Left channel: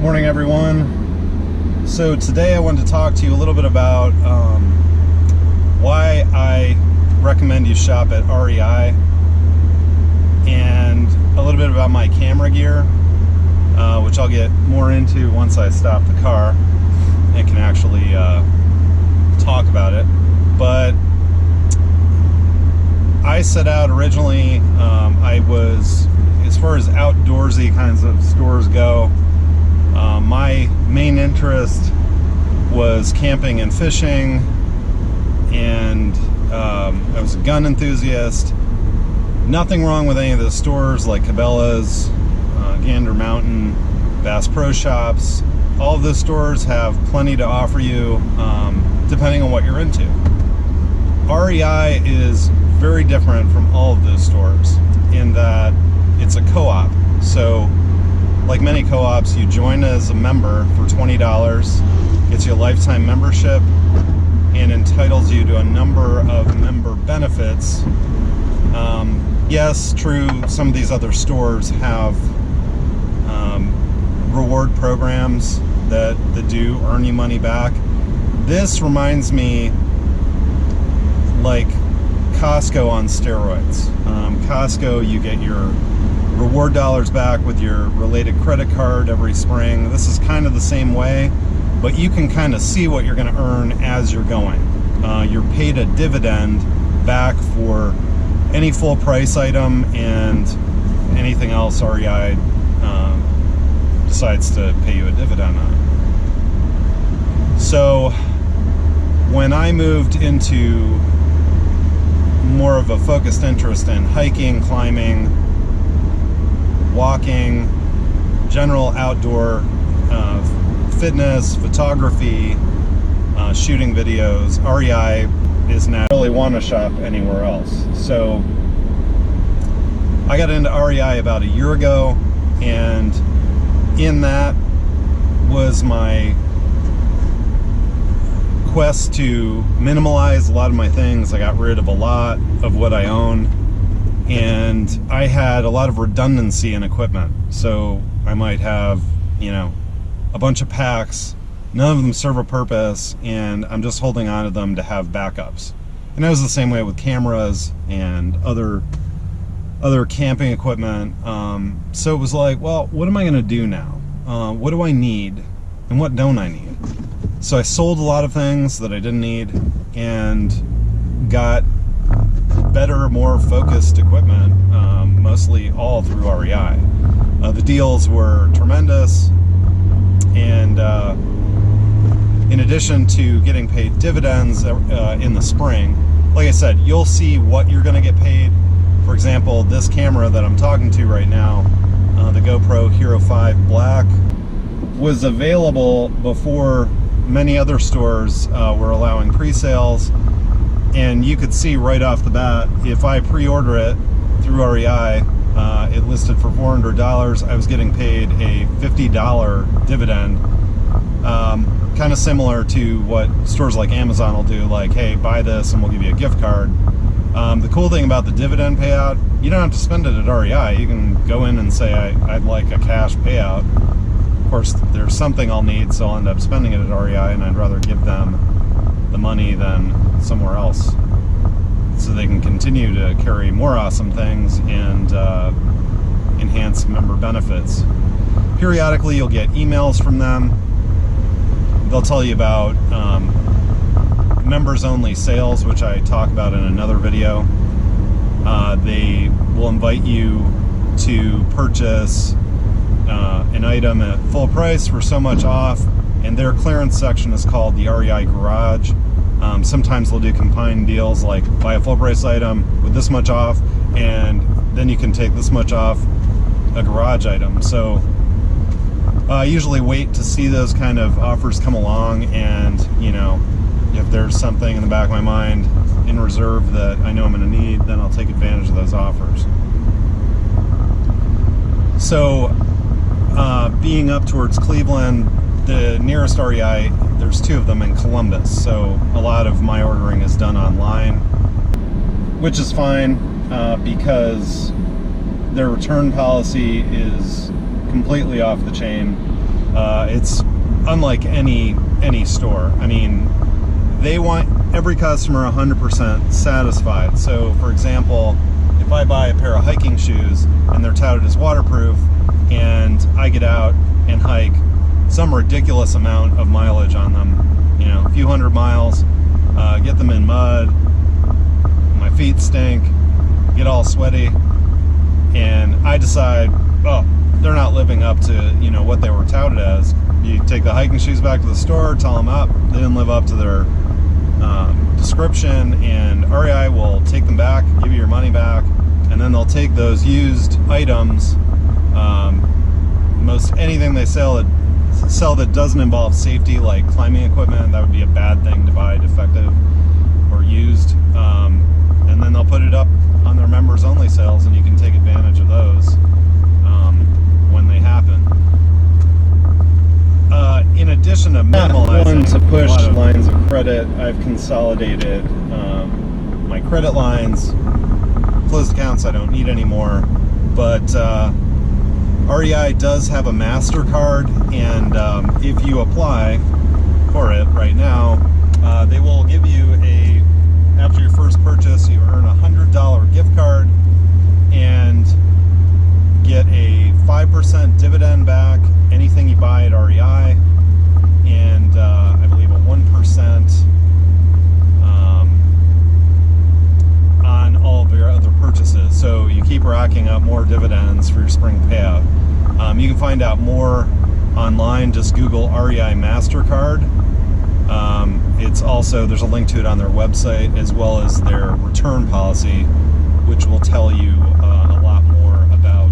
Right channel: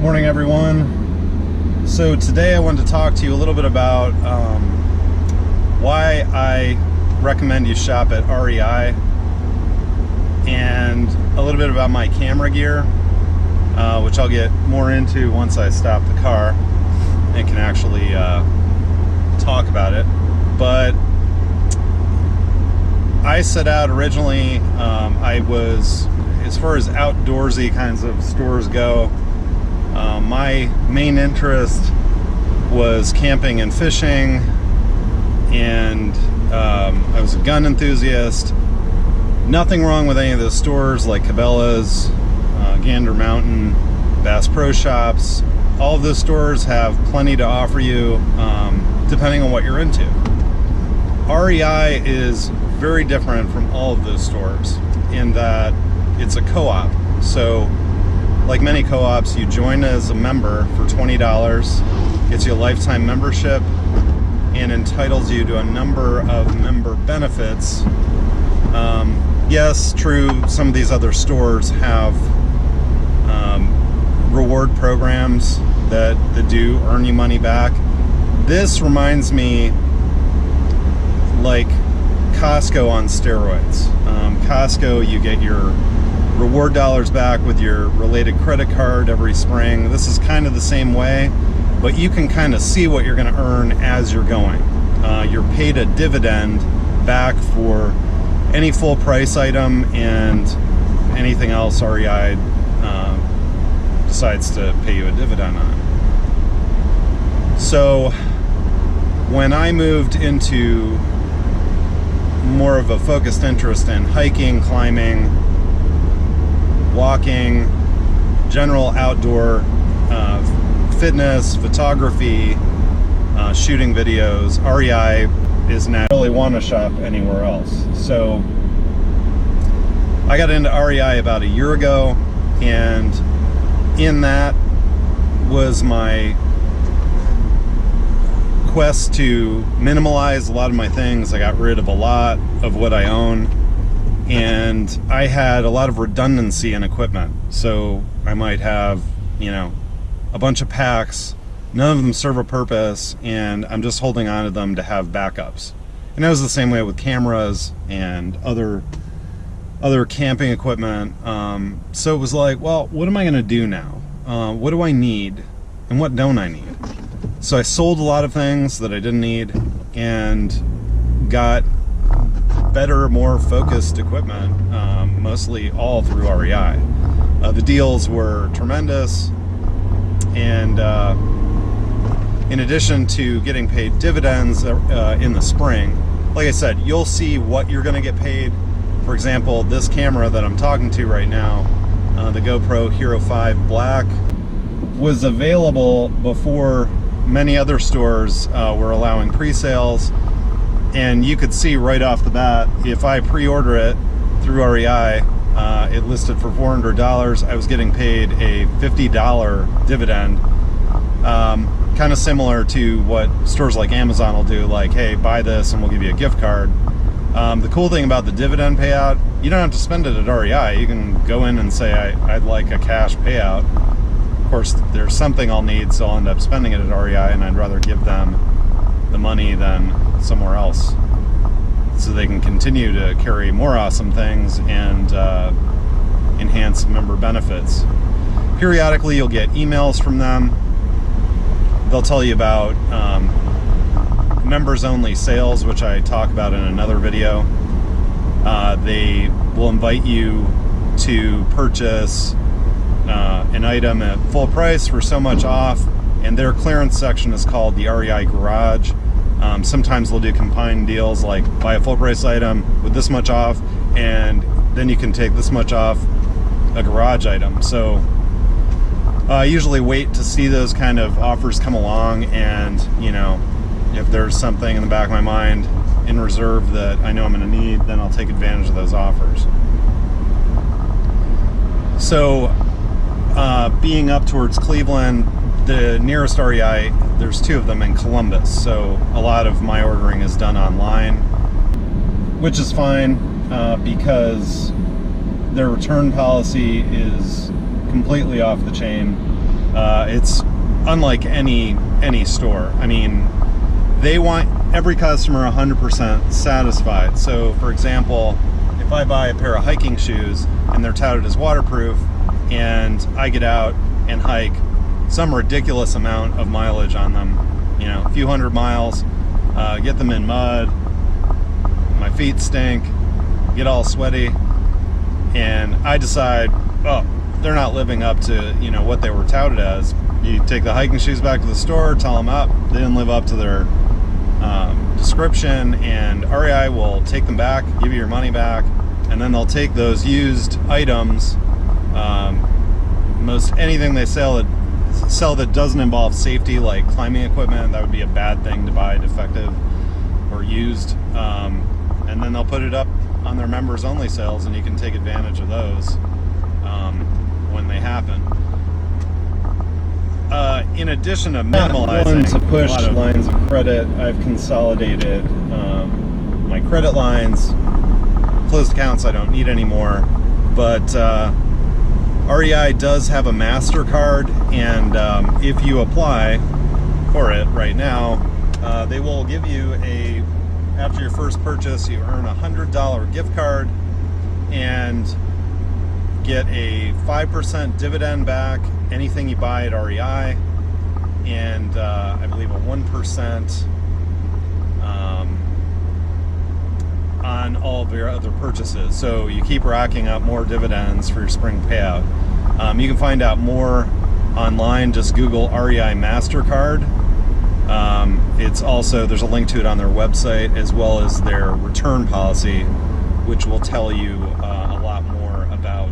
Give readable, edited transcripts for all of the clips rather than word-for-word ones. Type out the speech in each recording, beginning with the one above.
Morning, everyone. So today I wanted to talk to you a little bit about why I recommend you shop at REI, and a little bit about my camera gear, which I'll get more into once I stop the car and can actually talk about it. But I set out originally, I was, as far as outdoorsy kinds of stores go, my main interest was camping and fishing, and I was a gun enthusiast. Nothing wrong with any of the stores like Cabela's, Gander Mountain, Bass Pro Shops. All of those stores have plenty to offer you, depending on what you're into. REI is very different from all of those stores in that it's a co-op. So like many co-ops, you join as a member for $20, gets you a lifetime membership, and entitles you to a number of member benefits. Yes, true, some of these other stores have reward programs that do earn you money back. This reminds me like Costco on steroids. Costco, you get your reward dollars back with your related credit card every spring. This is kind of the same way, but you can kind of see what you're going to earn as you're going. You're paid a dividend back for any full price item and anything else REI decides to pay you a dividend on. So when I moved into more of a focused interest in hiking, climbing, walking, general outdoor fitness, photography, shooting videos, REI is not really want to shop anywhere else. So I got into REI about a year ago, and in that was my quest to minimalize a lot of my things. I got rid of a lot of what I own, and I had a lot of redundancy in equipment. So I might have, a bunch of packs, none of them serve a purpose, and I'm just holding on to them to have backups. And it was the same way with cameras and other camping equipment. So it was like, well, what am I gonna do now? What do I need and what don't I need? So I sold a lot of things that I didn't need and got better, more focused equipment, mostly all through REI. The deals were tremendous, and in addition to getting paid dividends in the spring, like I said, you'll see what you're going to get paid. For example, this camera that I'm talking to right now, the GoPro Hero 5 Black, was available before many other stores were allowing pre-sales. And you could see right off the bat, if I pre-order it through REI, it listed for $400. I was getting paid a $50 dividend. Kind of similar to what stores like Amazon will do, like, hey, buy this and we'll give you a gift card. The cool thing about the dividend payout, you don't have to spend it at REI. You can go in and say, I'd like a cash payout. Of course, there's something I'll need, so I'll end up spending it at REI, and I'd rather give them the money than somewhere else, so they can continue to carry more awesome things and enhance member benefits. Periodically, you'll get emails from them. They'll tell you about members-only sales, which I talk about in another video. They will invite you to purchase an item at full price for so much off, and their clearance section is called the REI Garage. Sometimes they'll do combined deals, like buy a full price item with this much off, and then you can take this much off a garage item. So I usually wait to see those kind of offers come along, and if there's something in the back of my mind in reserve that I know I'm going to need, then I'll take advantage of those offers. So being up towards Cleveland, the nearest REI, there's two of them in Columbus, so a lot of my ordering is done online, which is fine because their return policy is completely off the chain. It's unlike any store. I mean, they want every customer 100% satisfied. So for example, if I buy a pair of hiking shoes and they're touted as waterproof, and I get out and hike some ridiculous amount of mileage on them, you know, a few hundred miles, get them in mud, my feet stink, get all sweaty, and I decide, oh, they're not living up to, you know, what they were touted as. You take the hiking shoes back to the store, tell them up, they didn't live up to their description, and REI will take them back, give you your money back, and then they'll take those used items, most anything they sell that doesn't involve safety, like climbing equipment, that would be a bad thing to buy defective or used, and then they'll put it up on their members only sales, and you can take advantage of those when they happen. In addition to minimalizing to push lines of credit, I've consolidated my credit lines. Closed accounts I don't need anymore, but REI does have a MasterCard, and if you apply for it right now, they will give you after your first purchase, you earn a $100 gift card and get a 5% dividend back anything you buy at REI, and I believe a 1% on all of your other purchases. So you keep racking up more dividends for your spring payout. You can find out more online. Just Google REI MasterCard. It's also, there's a link to it on their website, as well as their return policy, which will tell you a lot more about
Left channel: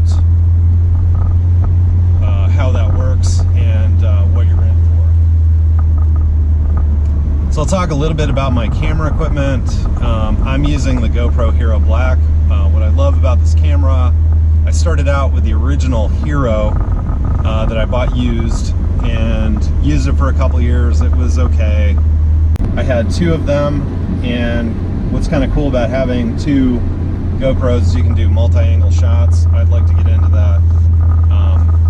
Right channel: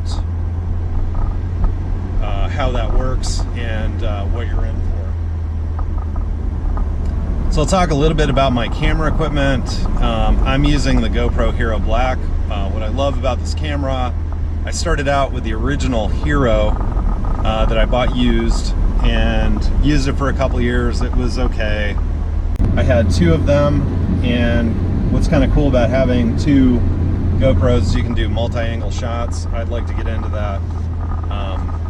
how that works and what you're in for. So I'll talk a little bit about my camera equipment. I'm using the GoPro Hero Black. What I love about this camera, I started out with the original Hero that I bought used, and used it for a couple years. It was okay. I had two of them, and what's kind of cool about having two GoPros is you can do multi-angle shots. I'd like to get into that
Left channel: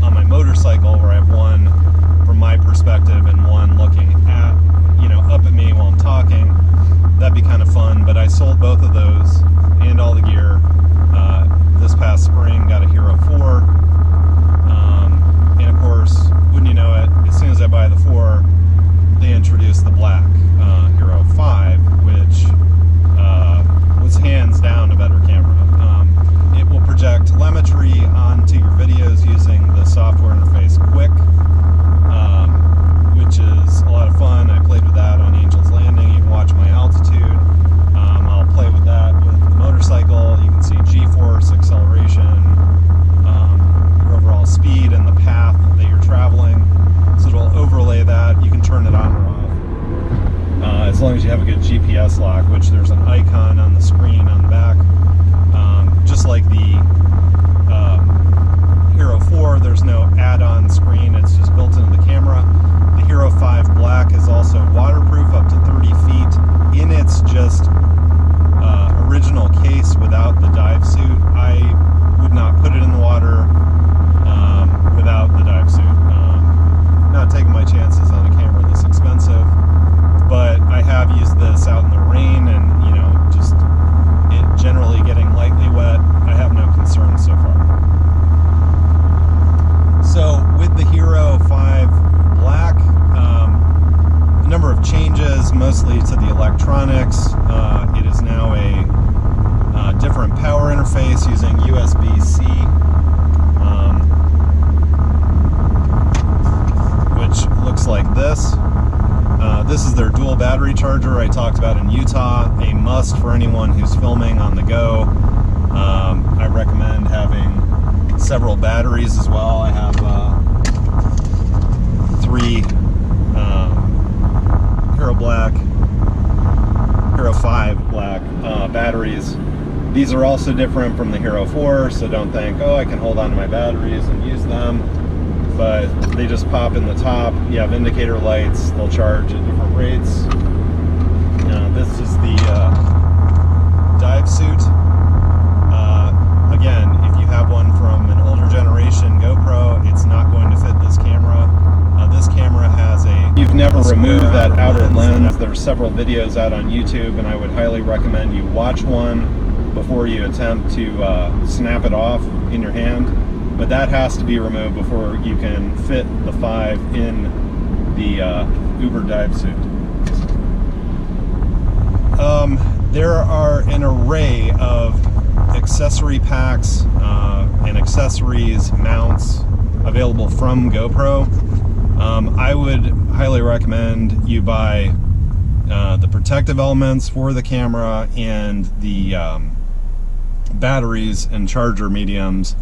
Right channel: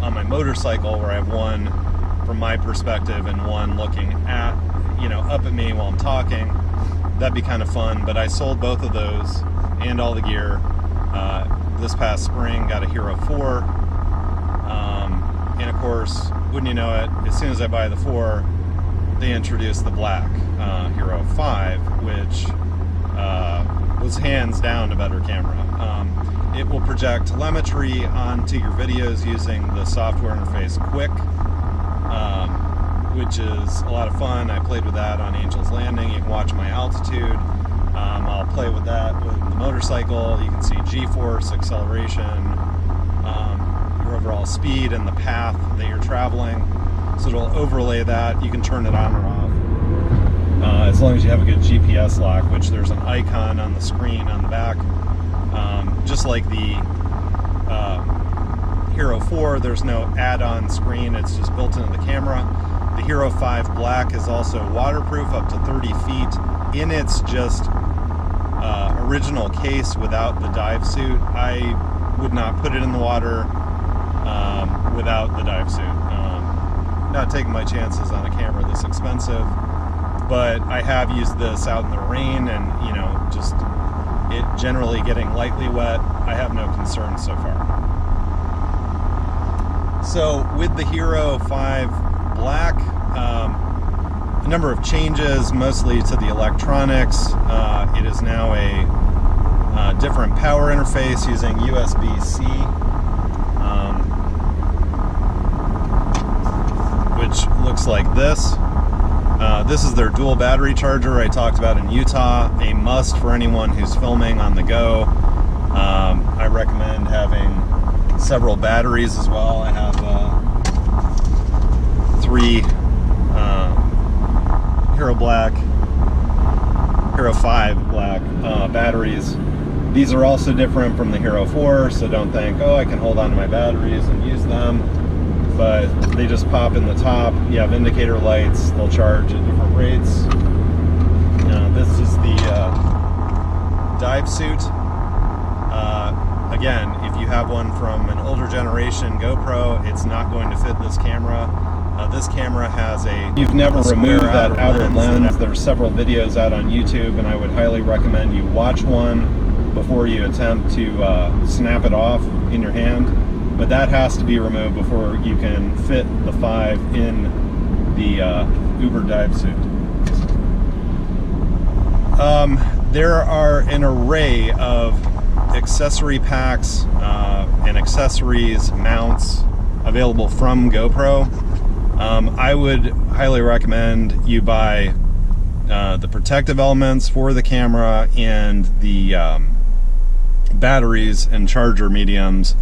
on my motorcycle, where I have one from my perspective and one looking at, you know, up at me while I'm talking. That'd be kind of fun, but I sold both of those and all the gear this past spring. Got a Hero 4, and of course, wouldn't you know it, as soon as I buy the 4, they introduced the black Hero 5, which was hands down a better camera. It will project telemetry onto your videos using the software interface Quick, which is a lot of fun. I played with that on Angel's Landing. You can watch my altitude. I'll play with that with the motorcycle. You can see G-force, acceleration, your overall speed, and the path that you're traveling. So it'll overlay that. You can turn it on or off as long as you have a good GPS lock, which there's an icon on the screen on the back. Just like the Hero 4, there's no add-on screen. It's just built into the camera. The Hero 5 Black is also waterproof up to 30 feet in its just original case without the dive suit. I would not put it in the water without the dive suit. Not taking my chances on a camera this expensive, but I have used this out in the rain, and you know, just it generally getting lightly wet, I have no concerns so far. So with the Hero 5 Black, a number of changes, mostly to the electronics. It is now a different power interface using USB-C, which looks like this. This is their dual battery charger I talked about in Utah, a must for anyone who's filming on the go. I recommend having several batteries as well. I have 3 Hero Black, Hero 5 Black batteries. These are also different from the Hero 4, so don't think, oh, I can hold on to my batteries and use them. But they just pop in the top. You have indicator lights. They'll charge at different rates. This is the dive suit. Again, if you have one from an older generation GoPro, it's not going to fit this camera. This camera has you've never removed that outer lens. There's several videos out on YouTube, and I would highly recommend you watch one before you attempt to snap it off in your hand. But that has to be removed before you can fit the 5 in the Uber dive suit. There are an array of accessory packs and accessories, mounts available from GoPro. I would highly recommend you buy the protective elements for the camera and the batteries and charger mediums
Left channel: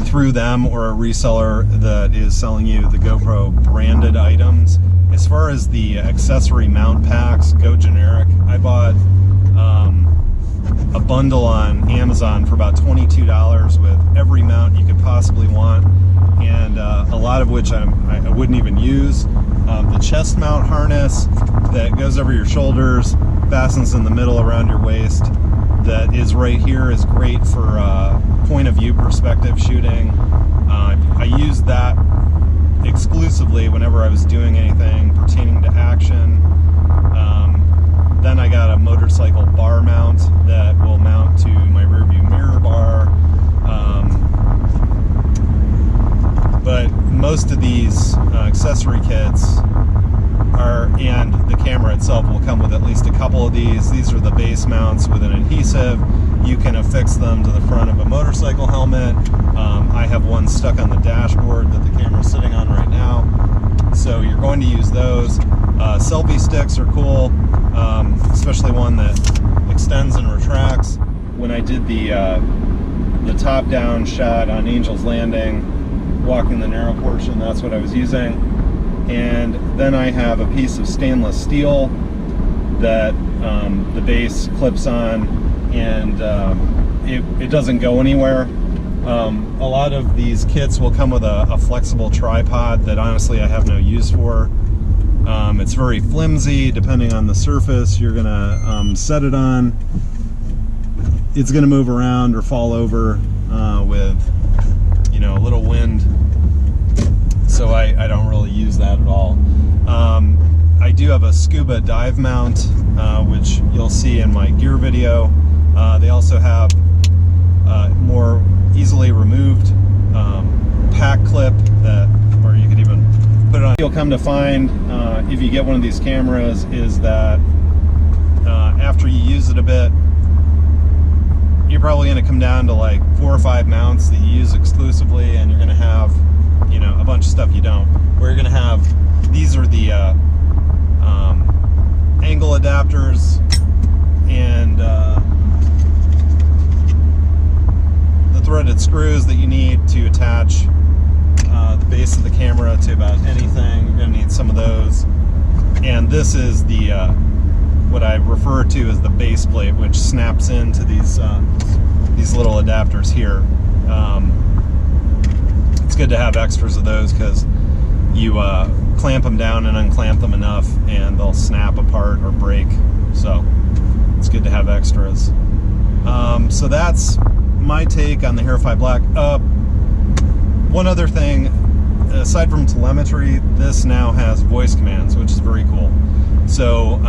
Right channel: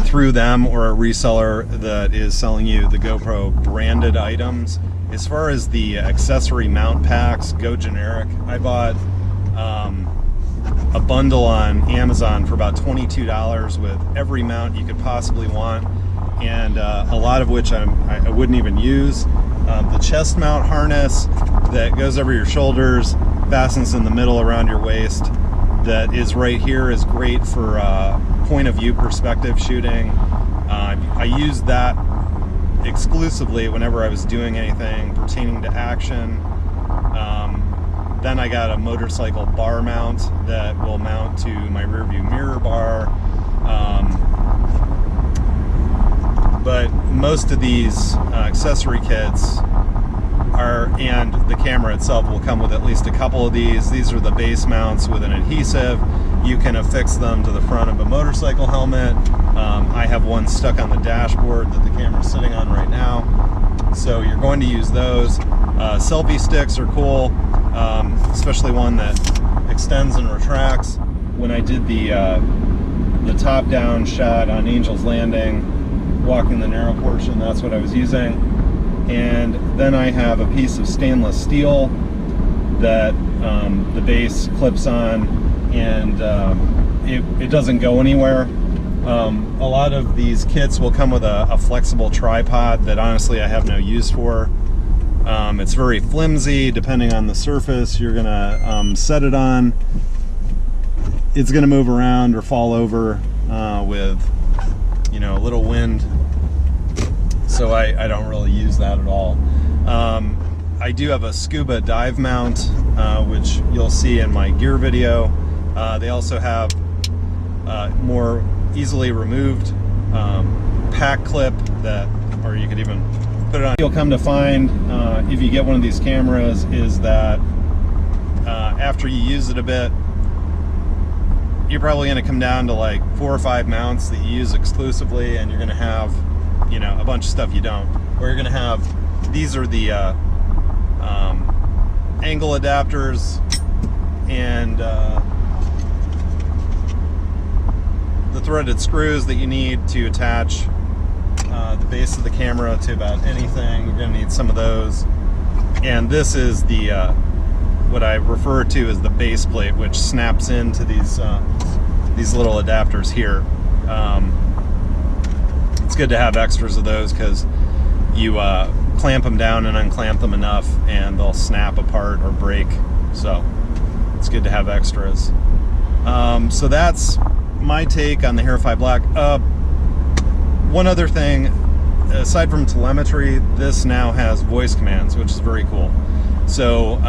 through them or a reseller that is selling you the GoPro branded items. As far as the accessory mount packs, go generic. I bought a bundle on Amazon for about $22 with every mount you could possibly want, and a lot of which I wouldn't even use. The chest mount harness that goes over your shoulders, fastens in the middle around your waist, that is right here, is great for point of view perspective shooting. I used that exclusively whenever I was doing anything pertaining to action. Then I got a motorcycle bar mount that will mount to my rear view mirror bar. But most of these accessory kits and the camera itself will come with at least a couple of these. These are the base mounts with an adhesive. You can affix them to the front of a motorcycle helmet. I have one stuck on the dashboard that the camera's sitting on right now. So you're going to use those. Selfie sticks are cool, especially one that extends and retracts. When I did the top-down shot on Angel's Landing, walking the narrow portion, that's what I was using. And then I have a piece of stainless steel that the base clips on, and it doesn't go anywhere. A lot of these kits will come with a flexible tripod that honestly I have no use for. It's very flimsy. Depending on the surface you're gonna set it on, it's gonna move around or fall over with, you know, a little wind. So I don't really use that at all. I do have a scuba dive mount, which you'll see in my gear video. They also have more easily removed pack clip or you could even put it on. You'll come to find, if you get one of these cameras, is that after you use it a bit, you're probably going to come down to like 4 or 5 mounts that you use exclusively, and you're going to have, you know, a bunch of stuff you don't. Or you're going to have, these are the angle adapters and the threaded screws that you need to attach the base of the camera to about anything. You're going to need some of those. And this is the what I refer to as the base plate, which snaps into these little adapters here. It's good to have extras of those because you clamp them down and unclamp them enough and they'll snap apart or break. So it's good to have extras. So that's my take on the REI Black. One other thing, aside from telemetry, this now has voice commands, which is very cool. So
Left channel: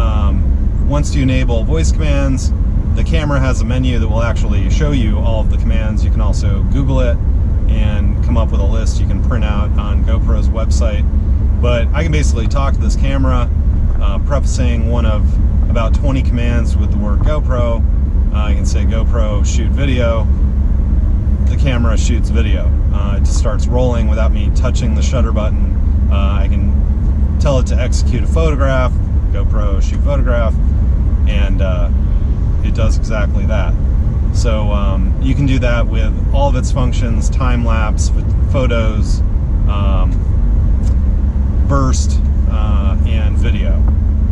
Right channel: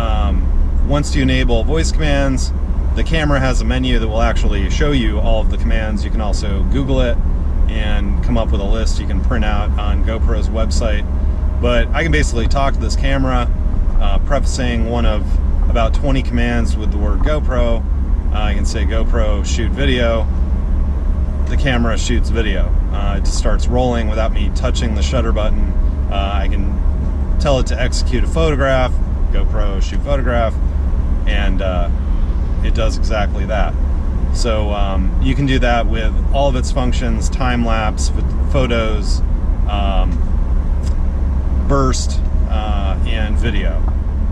once you enable voice commands, the camera has a menu that will actually show you all of the commands. You can also Google it and come up with a list you can print out on GoPro's website. But I can basically talk to this camera, prefacing one of about 20 commands with the word GoPro. I can say GoPro shoot video. The camera shoots video. It just starts rolling without me touching the shutter button. I can tell it to execute a photograph, GoPro shoot photograph, and it does exactly that. So you can do that with all of its functions: time-lapse, photos, burst, and video.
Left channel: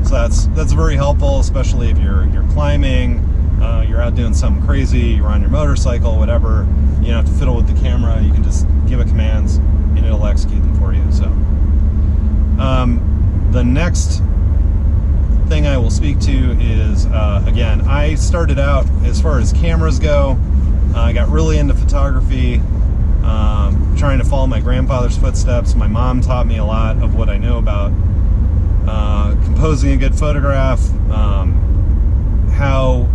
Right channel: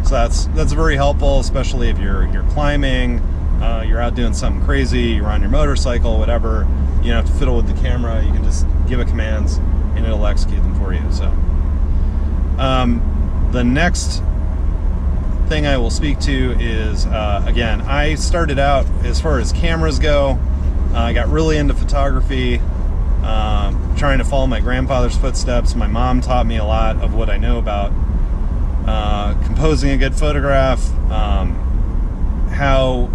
So that's very helpful, especially if you're climbing, you're out doing something crazy, you're on your motorcycle, whatever. You don't have to fiddle with the camera. You can just give it commands and it'll execute them for you. So the next thing I will speak to is, again, I started out, as far as cameras go, I got really into photography trying to follow my grandfather's footsteps. My mom taught me a lot of what I know about composing a good photograph, how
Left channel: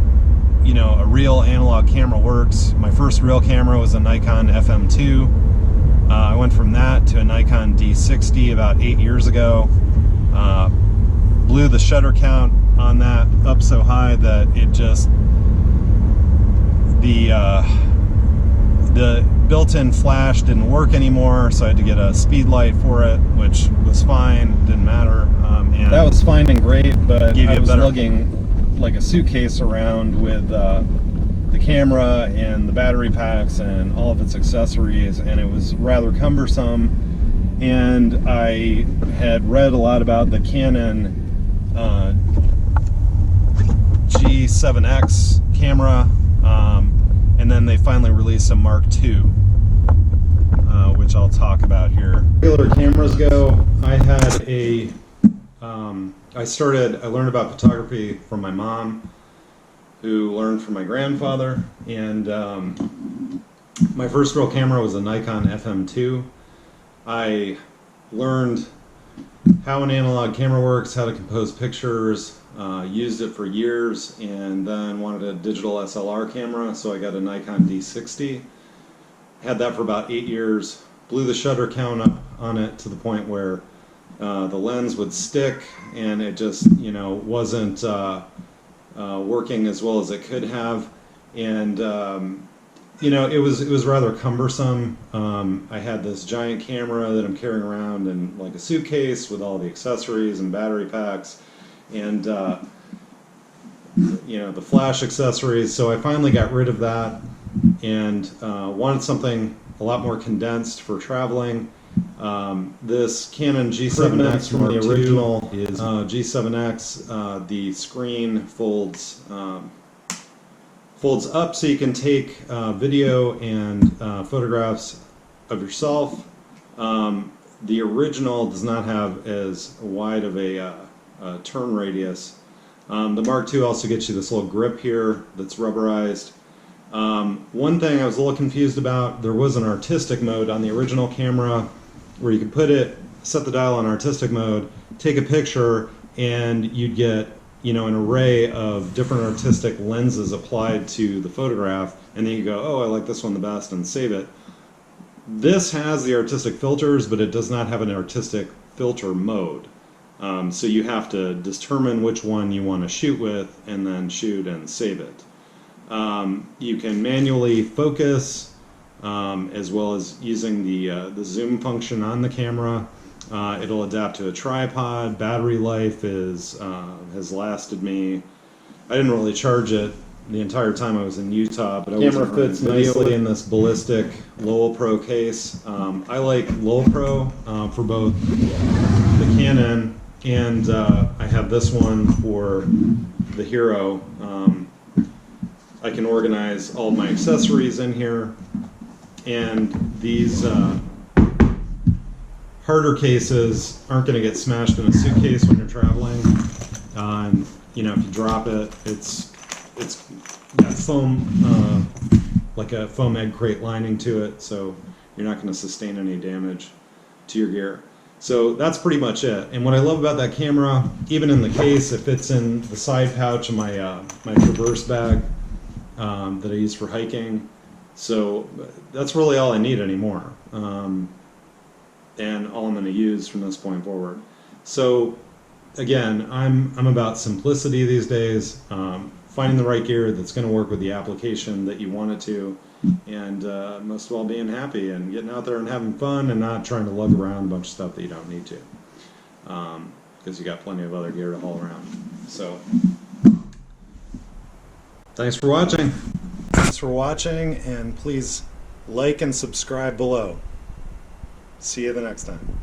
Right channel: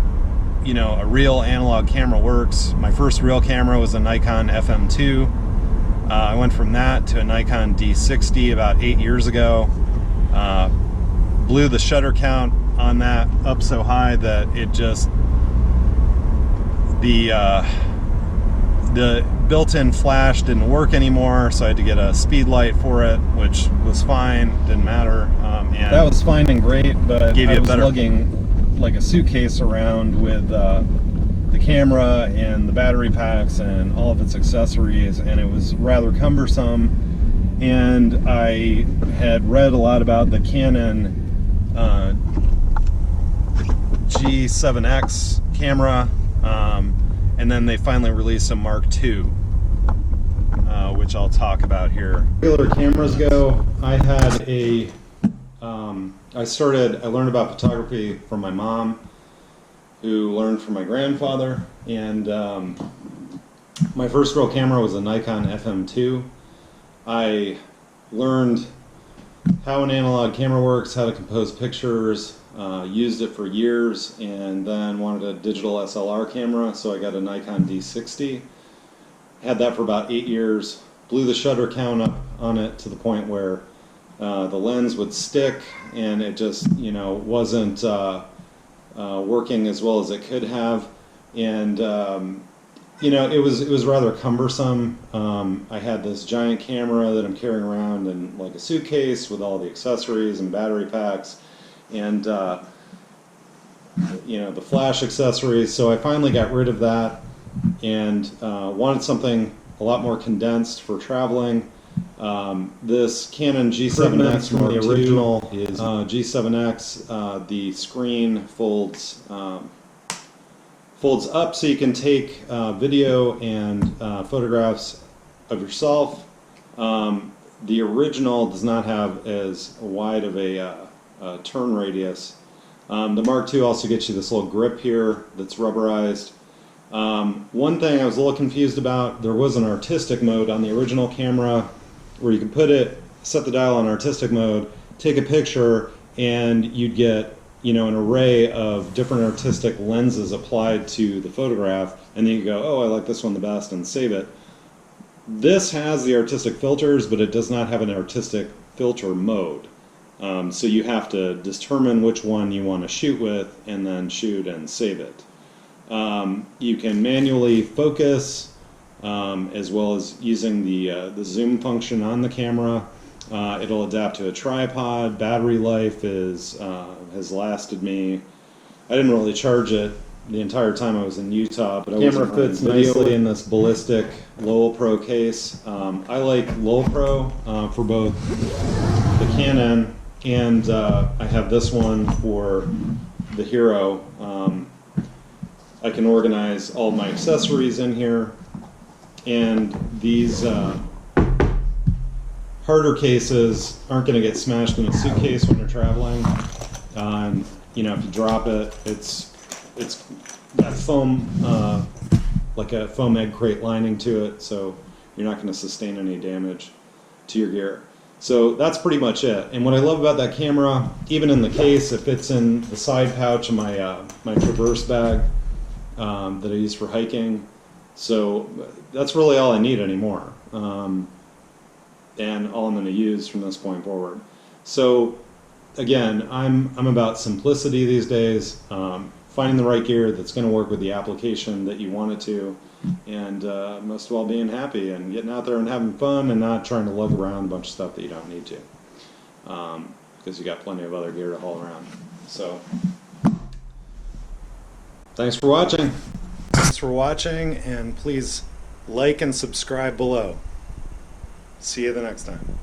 a real analog camera works. My first real camera was a Nikon FM2. I went from that to a Nikon D60 about 8 years ago. Blew the shutter count on that up so high that it just the built-in flash didn't work anymore, so I had to get a speed light for it, which was fine, didn't matter. And that was fine and great, but I was lugging like a suitcase around with the camera and the battery packs and all of its accessories, and it was rather cumbersome. And I had read a lot about the Canon G7X camera, and then they finally released a Mark II, which I'll talk about here. Regular cameras go, I had a I learned about photography from my mom, who learned from my grandfather, and my first real camera was a Nikon FM2. I learned how an analog camera works, how to compose pictures, used it for years, and then wanted a digital SLR camera, so I got a Nikon D60. Had that for about 8 years, blew the shutter count up on it to the point where the lens would stick, and it just wasn't working as well as it could have, and it was rather cumbersome. I had this giant camera that I'm carrying around in like a suitcase with all the accessories and battery packs, and the flash accessories. So I finally got rid of that and wanted something a lot more condensed for traveling. This Canon G7X from the original is G7X. The screen folds up so you can take video and photographs of yourself. The original does not have as wide of a turn radius. The Mark II also gets you this little grip here that's rubberized. One thing I was a little confused about, there was an artistic mode on the original camera where you could set the dial on artistic mode, take a picture, and you'd get an array of different artistic lenses applied to the photograph, and then you go, oh, I like this one the best, and save it. This has the artistic filters, but it does not have an artistic filter mode. So you have to determine which one you want to shoot with, and then shoot and save it. You can manually focus, as well as using the zoom function on the camera. It'll adapt to a tripod. Battery life has lasted me. I didn't really charge it the entire time I was in Utah, but the camera fits nicely in this ballistic Lowell Pro case. I like Lowell Pro for both the Canon and I have this one for the Hero. I can organize all of my accessories in here, and these harder cases aren't going to get smashed in a suitcase when you're traveling. And if you drop it, it's got foam, like a foam egg crate lining to it, so you're not going to sustain any damage to your gear. So that's pretty much it. And what I love about that camera, even in the case, it fits in the side pouch of my my Traverse bag that I use for hiking. So that's really all I need anymore. And all I'm going to use from this point forward. So again, I'm about simplicity these days, finding the right gear that's going to work with the application that you want it to, and most of all being happy and getting out there and having fun and not trying to lug around a bunch of stuff that you don't need to, because you got plenty of other gear to haul around. So thanks for watching. Thanks for watching, and please like and subscribe below. See you the next time.